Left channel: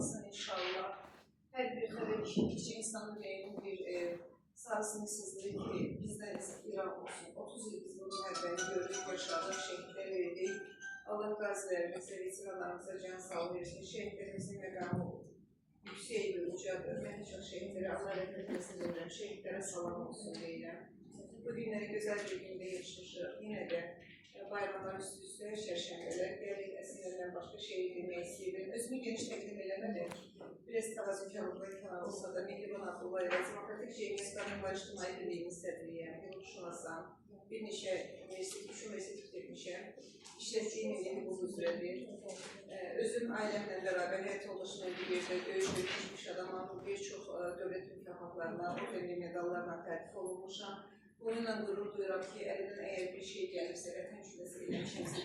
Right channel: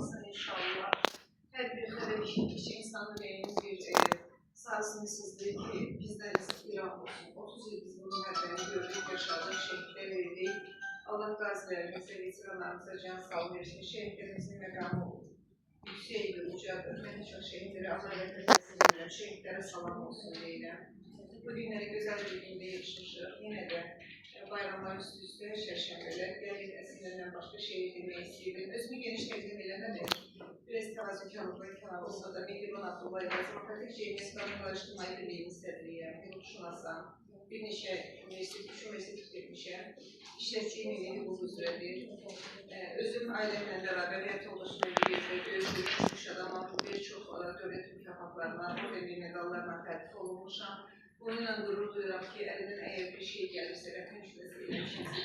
olmasın inşallah. Her bir xəbər işitdikcə insanın ürəyinin bir sarsını sızlayır ki, bizdən İran olsun. 30 il biz bu mühəbbəni gördük, yaşadıq, şəhidlər verdik. Allah qazilərimizə, veteranlarımıza can sağ versin. Şəhidlərimizin məqamı yüksəkdir, ucadır. Mən çox şəhidlərə Allah rəhmət etsin deyirəm, şəhidlərə salam olsun deyirəm. Bu günləri gözəl bir gündə yaşmışıq. Yenə də bayramlar üst-üstə, çərşənbələr, gəlir əslində başqa şey demək istəyirdim. Özümü geniş təqdim eləmədim. Biraz təvazökarlıqla kənar olsa da Mehriban Abdullayeva, Demokratik Ceyhniskanın Qarışdırmayı Birliyinin sədriyəm, hüquqşünasam, bir neçə universitet bitirmişəm, işləşçiyim evi hüquq üzrədir. Özüm ailəmlə bərabər həyat yoldaşımla bir yerdə böyük adamam, bir çox dövlət mükafatlarına, demir medallarla təltif olunmuşam. Bununla qürur duyuram ki, əlimdən əgər bir şey gəlirsə, vətən küləsi eləmişimsə,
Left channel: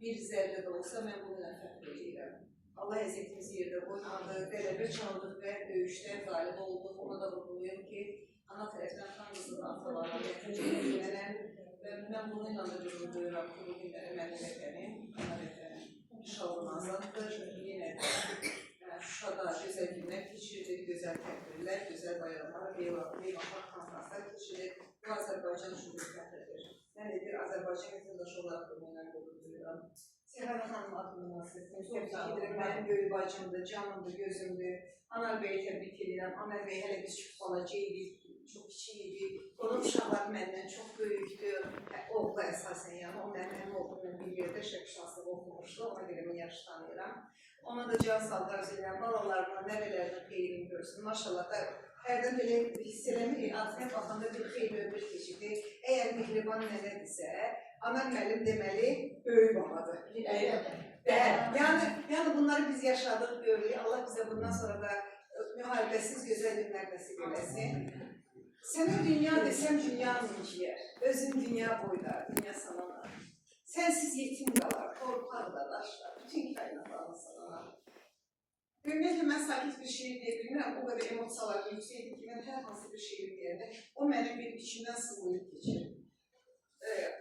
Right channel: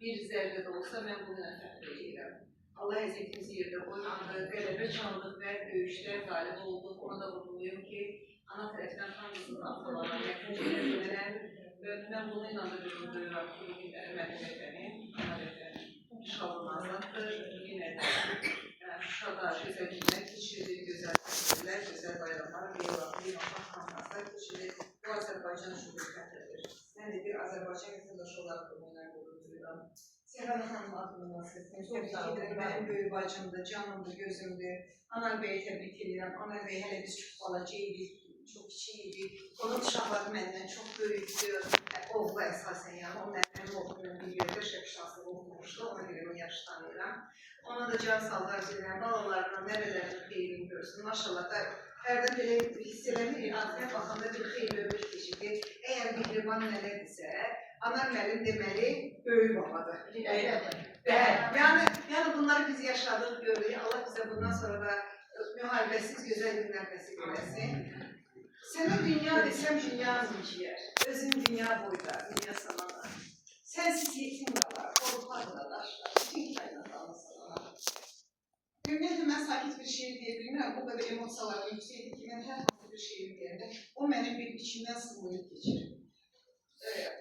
bir zərdə də olsa, mən bununla fəxr edirəm. Allah əziyyətimizi yerdə qoymadı, qələbə çaldıq və döyüşdə qalib olduq. Ona da vurğuluyum ki, ana tərəfdən xan qızının atalarına yətincələrəm və mən bununla da qürur duyuram ki, bugün mənim vətənim, ana vətənim inşallah azaddır. Yenə də Şuşada gözəl günlər keçirilir, gözəl təsvirlər, gözəl bayramlar, beynəlxalq konferanslar keçirilir. Bu Azərbaycan şübhətədir. Mən də bir Azərbaycan vətəndaşı olaraq bununla qürur duyuram. Səhər xanım adını bahsetdim. Təbrik edirəm. Mənim böyük bacımdır, canımdır, gözümdür. Anar bəyi təbrik edirəm. Anar bəy hələ biz çox balaca idik, çox kiçik idik. Onun uşaqları məndən çox böyükdür. Oğlu əsasən, yəni o mənim oğlumla bir yerdə şəbşanslığı oxumuşdu. Ona görə onu yaxşı tanıyıram. Ona da can sağlığı arzu edirəm. Balalarına, nəvələrinin xeyrini görsün. Maşallah da hərdən belə hiss eləmirik. Adına baxanda bir xeyli ömür keçirdi. Əgər Mehriban nənədirsə, Anar müəllim deməli, böyük babadır. Yəni bunları biz yaşadıq, görürük. Allah bizə bundan sonra da müharibəsiz gözəl günlər nəsib eləsin. Sənə dünya desəm, dünya mülkiyər. Özün dünya boyda, dünya salanar. Sənsiz yetim qalar, qorxar da daşlar. Bütün kainatlarını salanar. Ümumiyyətlə, mən sakit bir şeir deyə bilmirəm. Bu qədər emosiyalarım yüksəkdir ki, mən hər hansı bir şeir deyəndə o mənim bir içimdən sızlayıb keçir.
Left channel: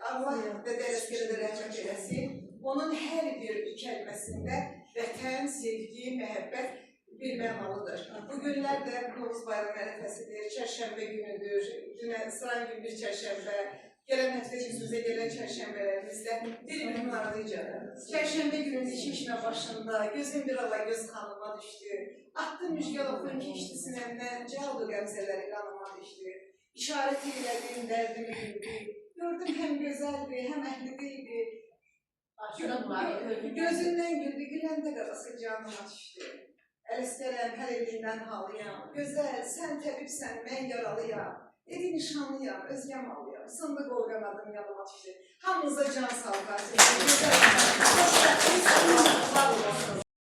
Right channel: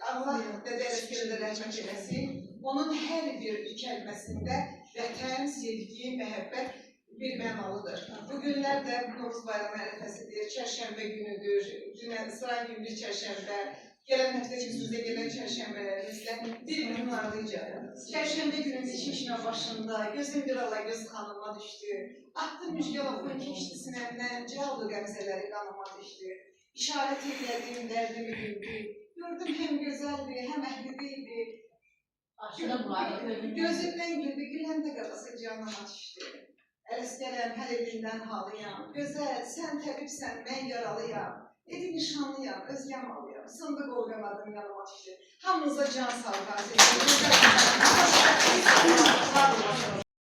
Allah Dədə Ələsgərə də rəhmət eləsin. Onun hər bir kəlməsində vətən, sevgi, məhəbbət bir mənalıdır. Bu günlər də Novruz bayramı ərəfəsidir, çərşənbə günüdür, sıran gün bir çərşənbə, gələn həftə yüzümüzə gələn çərşənbələrimizdə bir-birinin ardıncadır. Çərşənbə günün içmişmə başında, gözüm bir ala göz xanıma düşdü. Atdı müjgəlafın keçdi sinəmdən, cəldu qəmzələri qanıma düşdü. İşarət edilədiyim dərdimi güldü. Gördüm həm gözəldir, həm əhlidiydi. Gözündən güldü, güləndə qarası canıma düşdü. Ələsgərəm, hər elindən halıyam. Gözəl, sən təbibsən, mən yaralıyam. Dedi nişanlıyam, özgəm alıyam. Sındı qolqamadım yanıma düşdü. Hamınıza can sağ olun.